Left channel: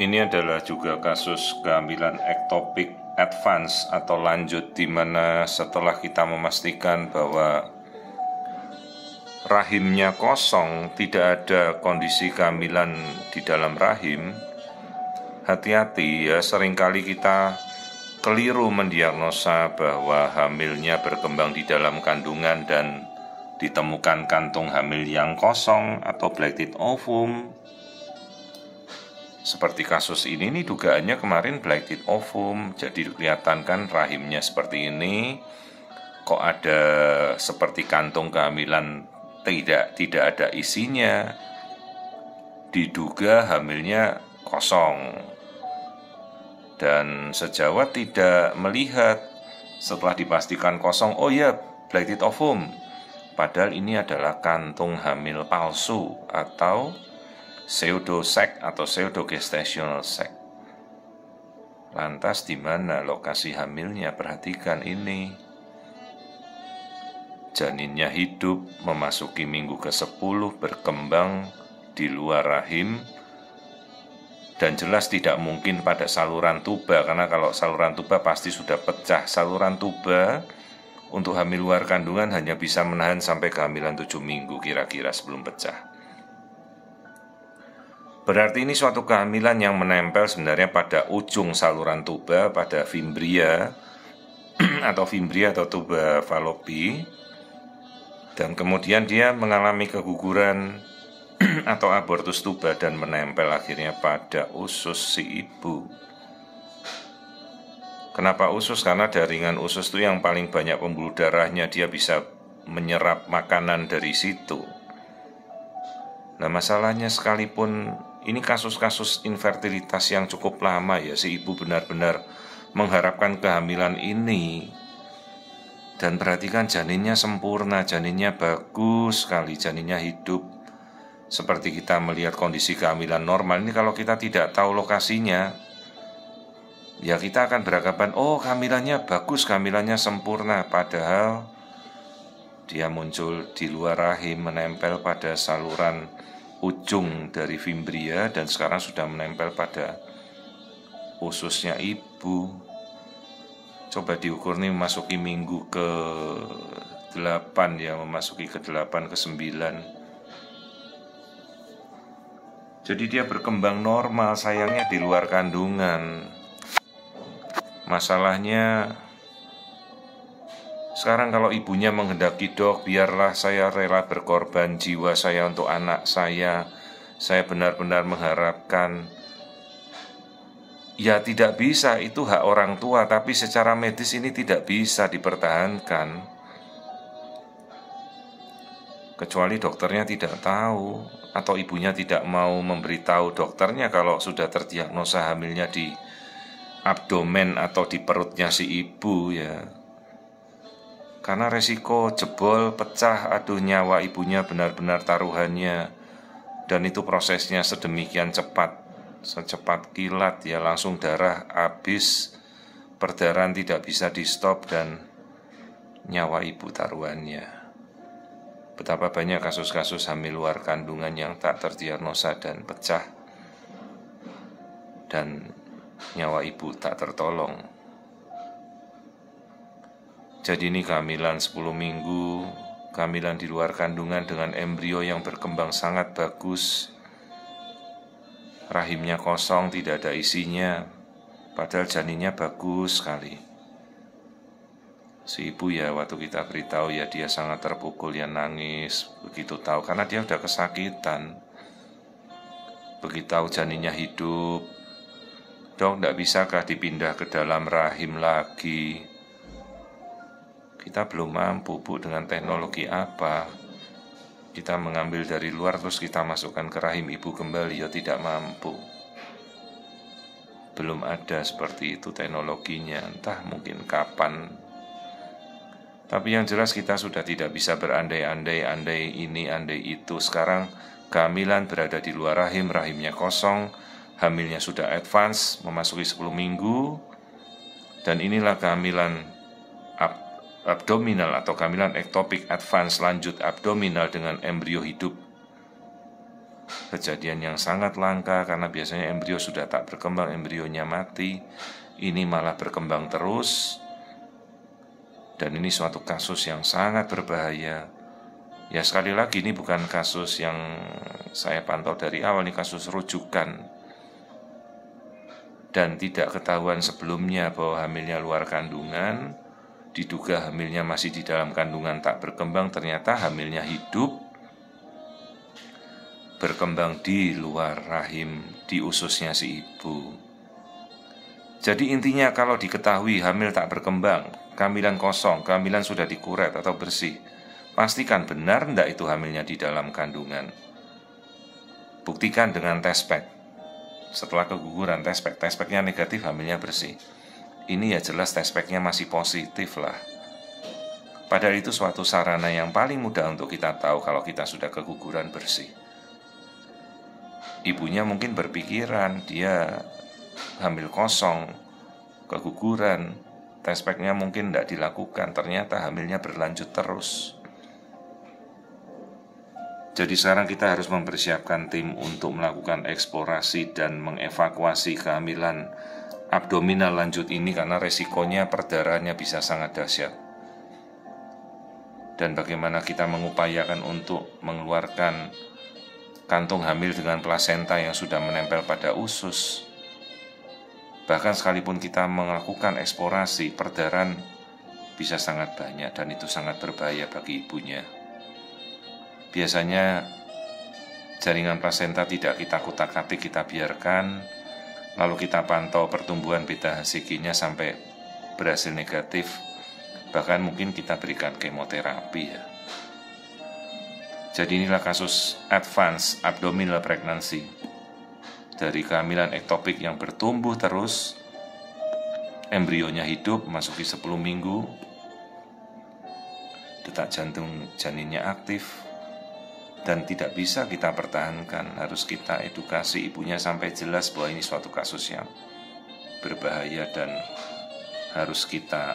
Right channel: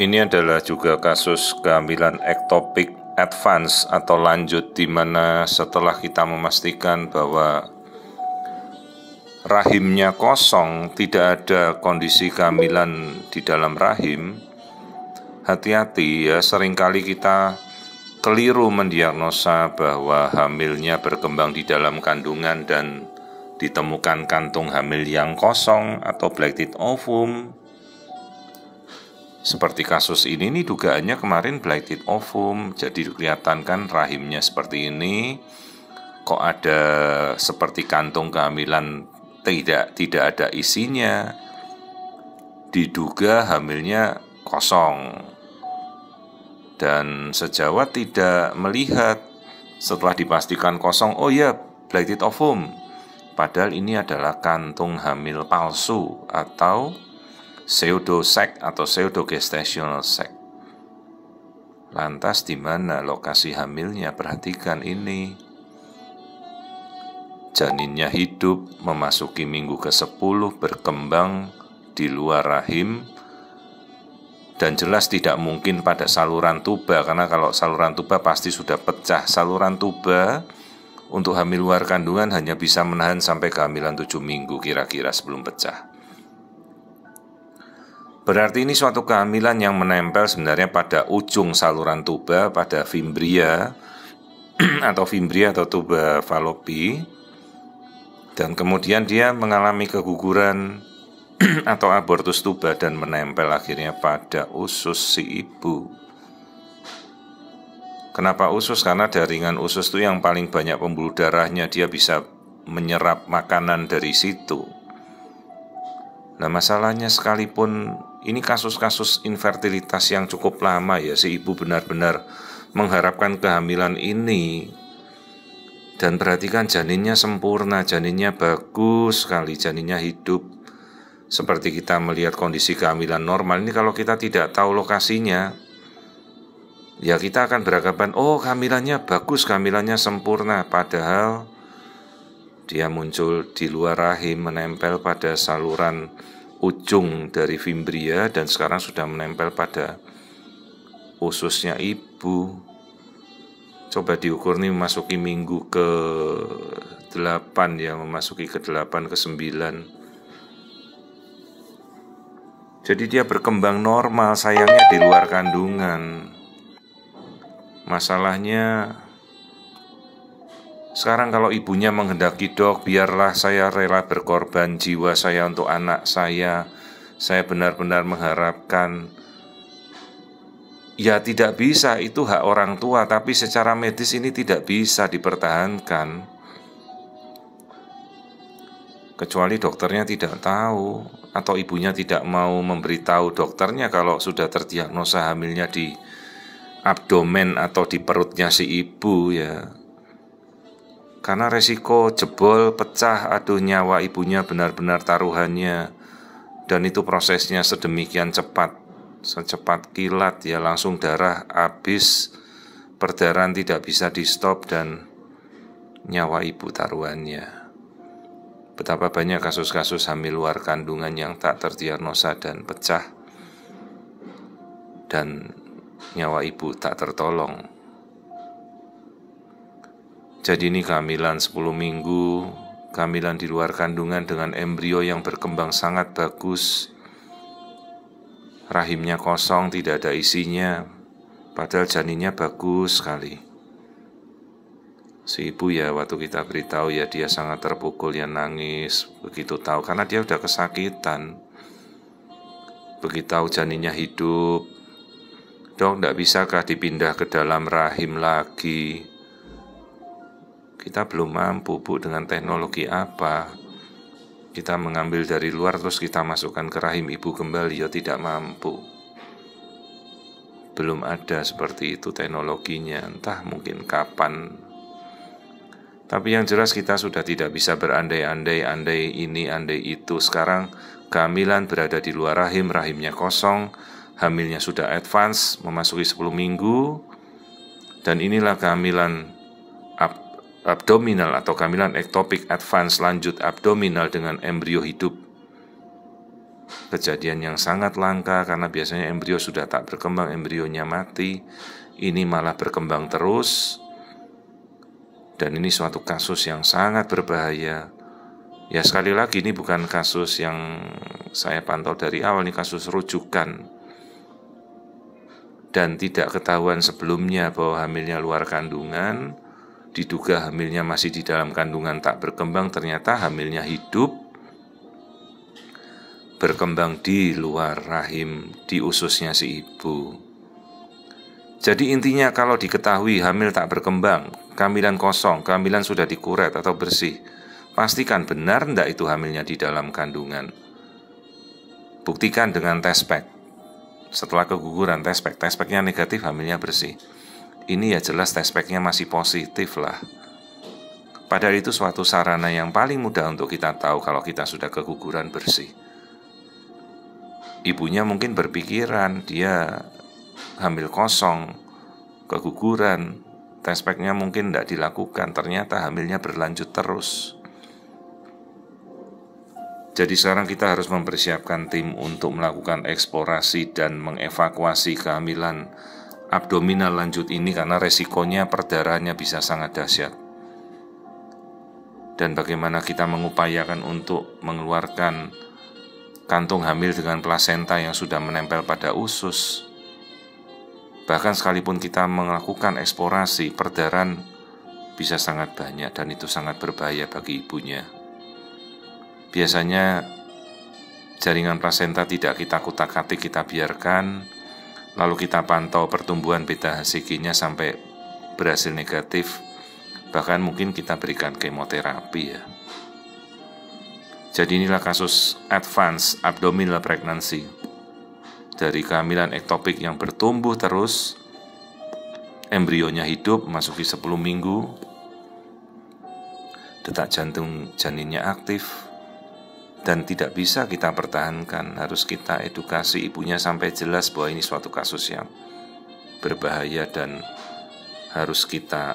Ini adalah juga kasus kehamilan ektopik advance atau lanjut, di mana setelah kita memastikan bahwa rahimnya kosong, tidak ada kondisi kehamilan di dalam rahim, hati-hati ya, seringkali kita keliru mendiagnosa bahwa hamilnya berkembang di dalam kandungan dan ditemukan kantung hamil yang kosong atau black teeth ovum. Seperti kasus ini nih, dugaannya kemarin black teeth ovum. Jadi kelihatan kan rahimnya seperti ini, kok ada seperti kantung kehamilan tidak ada isinya. Diduga hamilnya kosong. Dan sejawat tidak melihat setelah dipastikan kosong, oh ya, black teeth ovum. Padahal ini adalah kantung hamil palsu atau pseudo sac atau pseudo gestational sac. Lantas di mana lokasi hamilnya? Perhatikan ini. Janinnya hidup, memasuki minggu ke-10, berkembang di luar rahim, dan jelas tidak mungkin pada saluran tuba, karena kalau saluran tuba pasti sudah pecah. Saluran tuba untuk hamil luar kandungan hanya bisa menahan sampai kehamilan 7 minggu kira-kira sebelum pecah. Berarti ini suatu kehamilan yang menempel sebenarnya pada ujung saluran tuba, pada fimbria atau tuba falopi, dan kemudian dia mengalami keguguran atau abortus tuba dan menempel akhirnya pada usus si ibu. Kenapa usus? Karena jaringan usus itu yang paling banyak pembuluh darahnya, dia bisa menyerap makanan dari situ. Nah, masalahnya sekalipun ini kasus-kasus infertilitas yang cukup lama ya, si ibu benar-benar mengharapkan kehamilan ini. Dan perhatikan, janinnya sempurna, janinnya bagus sekali, janinnya hidup. Seperti kita melihat kondisi kehamilan normal ini, kalau kita tidak tahu lokasinya, ya kita akan beranggapan, oh kehamilannya bagus, kehamilannya sempurna. Padahal dia muncul di luar rahim, menempel pada saluran ujung dari fimbria, dan sekarang sudah menempel pada ususnya ibu. Coba diukur nih, memasuki minggu ke-8 ya, memasuki ke-8, ke-9. Jadi dia berkembang normal, sayangnya di luar kandungan. Masalahnya sekarang kalau ibunya menghendaki, dok, biarlah saya rela berkorban jiwa saya untuk anak saya benar-benar mengharapkan. Ya tidak bisa, itu hak orang tua, tapi secara medis ini tidak bisa dipertahankan. Kecuali dokternya tidak tahu, atau ibunya tidak mau memberitahu dokternya kalau sudah terdiagnosa hamilnya di abdomen atau di perutnya si ibu ya. Karena resiko jebol, pecah, aduh, nyawa ibunya benar-benar taruhannya. Dan itu prosesnya sedemikian cepat, secepat kilat ya, langsung darah habis, perdarahan tidak bisa di stop, dan nyawa ibu taruhannya. Betapa banyak kasus-kasus hamil luar kandungan yang tak terdiagnosa dan pecah, dan nyawa ibu tak tertolong. Jadi ini kehamilan 10 minggu, kehamilan di luar kandungan dengan embrio yang berkembang sangat bagus. Rahimnya kosong, tidak ada isinya, padahal janinnya bagus sekali. Si ibu ya, waktu kita beritahu ya, dia sangat terpukul ya, nangis begitu tahu, karena dia udah kesakitan. Begitu tahu janinnya hidup, dok, tidak bisakah dipindah ke dalam rahim lagi? Kita belum mampu, Bu, dengan teknologi apa? Kita mengambil dari luar terus kita masukkan ke rahim ibu kembali, ya tidak mampu. Belum ada seperti itu teknologinya, entah mungkin kapan. Tapi yang jelas kita sudah tidak bisa berandai-andai, andai ini, andai itu. Sekarang kehamilan berada di luar rahim, rahimnya kosong, hamilnya sudah advance, memasuki 10 minggu, dan inilah kehamilan abdominal atau kehamilan ektopik advance lanjut abdominal dengan embrio hidup. kejadian yang sangat langka karena biasanya embrio sudah tak berkembang, embrionya mati. Ini malah berkembang terus. Dan ini suatu kasus yang sangat berbahaya. Ya sekali lagi ini bukan kasus yang saya pantau dari awal, ini kasus rujukan. Dan tidak ketahuan sebelumnya bahwa hamilnya luar kandungan. Diduga hamilnya masih di dalam kandungan tak berkembang, ternyata hamilnya hidup, berkembang di luar rahim, di ususnya si ibu. Jadi intinya kalau diketahui hamil tak berkembang, kehamilan kosong, kehamilan sudah dikuret atau bersih, pastikan benar enggak itu hamilnya di dalam kandungan. Buktikan dengan test pack. Setelah keguguran test packnya negatif, hamilnya bersih. Ini ya jelas test packnya masih positif lah. Padahal itu suatu sarana yang paling mudah untuk kita tahu kalau kita sudah keguguran bersih. Ibunya mungkin berpikiran dia hamil kosong, keguguran, test packnya mungkin tidak dilakukan, ternyata hamilnya berlanjut terus. Jadi sekarang kita harus mempersiapkan tim untuk melakukan eksplorasi dan mengevakuasi kehamilan abdominal lanjut ini karena resikonya perdarahannya bisa sangat dahsyat. Dan bagaimana kita mengupayakan untuk mengeluarkan kantung hamil dengan plasenta yang sudah menempel pada usus. Bahkan sekalipun kita melakukan eksplorasi, perdarahan bisa sangat banyak dan itu sangat berbahaya bagi ibunya. Biasanya jaringan plasenta tidak kita kutak-atik, kita biarkan, lalu kita pantau pertumbuhan beta HCG-nya sampai berhasil negatif. Bahkan mungkin kita berikan kemoterapi ya. Jadi inilah kasus advance abdominal pregnancy. Dari kehamilan ektopik yang bertumbuh terus, embrionya hidup, masuki 10 minggu, detak jantung janinnya aktif, dan tidak bisa kita pertahankan. Harus kita edukasi ibunya sampai jelas bahwa ini suatu kasus yang berbahaya dan harus kita